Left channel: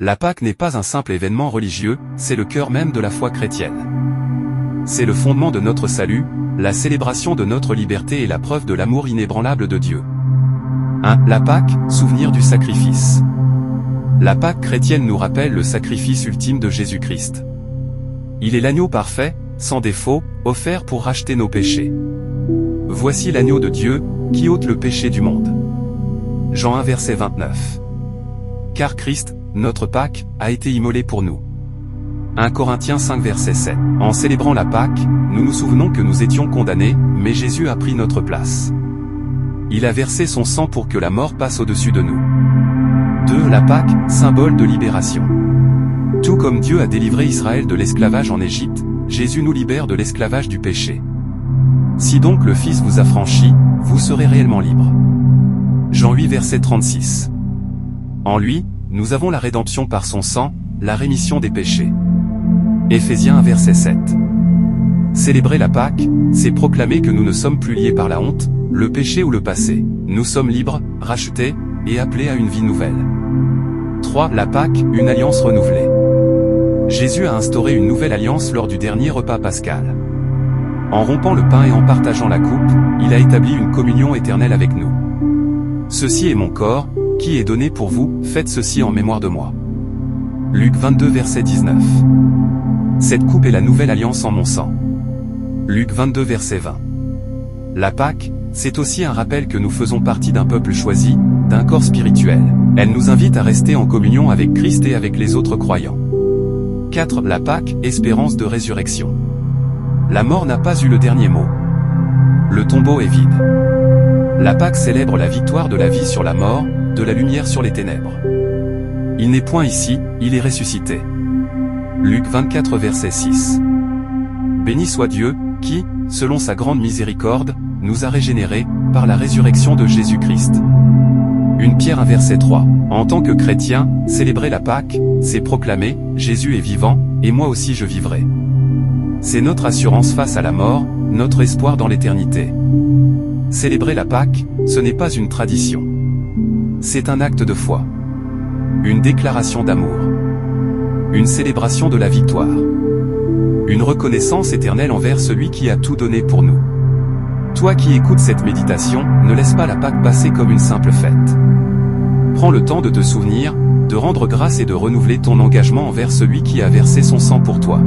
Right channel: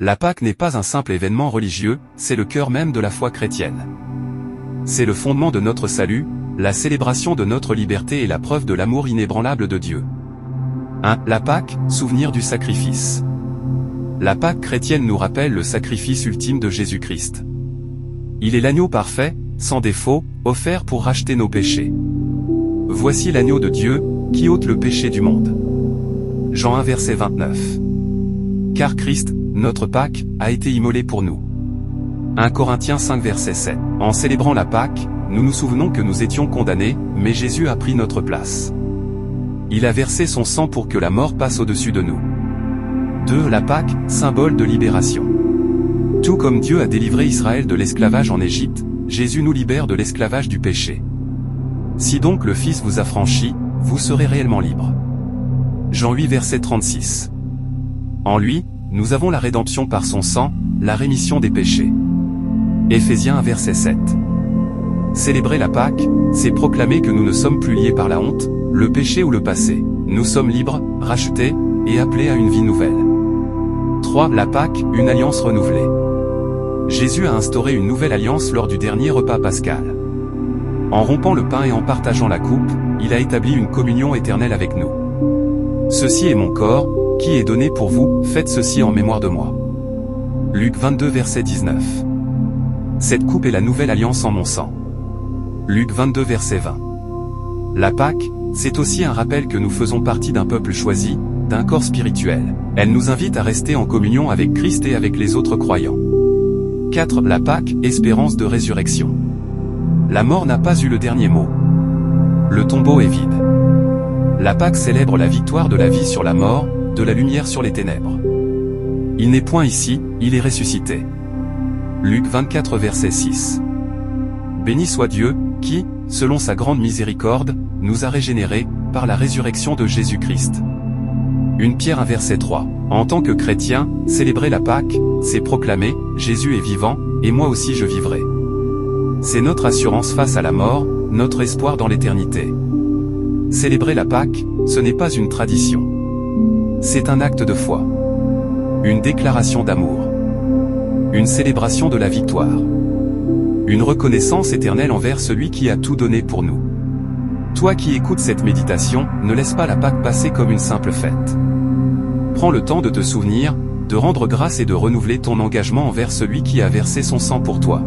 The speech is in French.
La Pâque n'est pas un simple événement religieux, c'est le cœur même de la foi chrétienne. C'est le fondement de notre salut, la célébration de notre liberté et la preuve de l'amour inébranlable de Dieu. 1. La Pâque, souvenir du sacrifice. La Pâque chrétienne nous rappelle le sacrifice ultime de Jésus-Christ. Il est l'agneau parfait, sans défaut, offert pour racheter nos péchés. Voici l'agneau de Dieu, qui ôte le péché du monde. Jean 1 verset 29. Car Christ, notre Pâque, a été immolé pour nous. 1 Corinthiens 5 verset 7. En célébrant la Pâque, nous nous souvenons que nous étions condamnés, mais Jésus a pris notre place. Il a versé son sang pour que la mort passe au-dessus de nous. 2. La Pâque, symbole de libération. Tout comme Dieu a délivré Israël de l'esclavage en Égypte, Jésus nous libère de l'esclavage du péché. Si donc le Fils vous a franchi, vous serez réellement libre. Jean 8 verset 36. En lui, nous avons la rédemption par son sang, la rémission des péchés. Éphésiens 1 verset 7. Célébrer la Pâque, c'est proclamer que nous ne sommes plus liés par la honte, le péché ou le passé. Nous sommes libres, rachetés, et appelés à une vie nouvelle. 3. La Pâque, une alliance renouvelée. Jésus a instauré une nouvelle alliance lors du dernier repas pascal. En rompant le pain et en partageant la coupe, il a établi une communion éternelle avec nous. Ceci est mon corps, qui est donné pour vous, faites ceci en mémoire de moi. Luc 22 verset 19. Cette coupe est la nouvelle alliance en mon sang. Luc 22 verset 20. La Pâque, c'est aussi un rappel que nous faisons partie d'un peuple choisi, d'un corps spirituel. Elle nous invite à rester en communion avec Christ et avec les autres croyants. 4. La Pâque, espérance de résurrection. La mort n'a pas eu le dernier mot. Le tombeau est vide. La Pâque célèbre la victoire de la vie sur la mort, de la lumière sur les ténèbres. Il n'est point ici, il est ressuscité. Luc 24 verset 6. Béni soit Dieu, qui, selon sa grande miséricorde, nous a régénérés, par la résurrection de Jésus-Christ. 1 Pierre 1 verset 3. En tant que chrétien, célébrer la Pâque, c'est proclamer, Jésus est vivant, et moi aussi je vivrai. C'est notre assurance face à la mort, notre espoir dans l'éternité. Célébrer la Pâque, ce n'est pas une tradition. C'est un acte de foi. Une déclaration d'amour. Une célébration de la victoire. Une reconnaissance éternelle envers celui qui a tout donné pour nous. Toi qui écoutes cette méditation, ne laisse pas la Pâque passer comme une simple fête. Prends le temps de te souvenir, de rendre grâce et de renouveler ton engagement envers celui qui a versé son sang pour toi.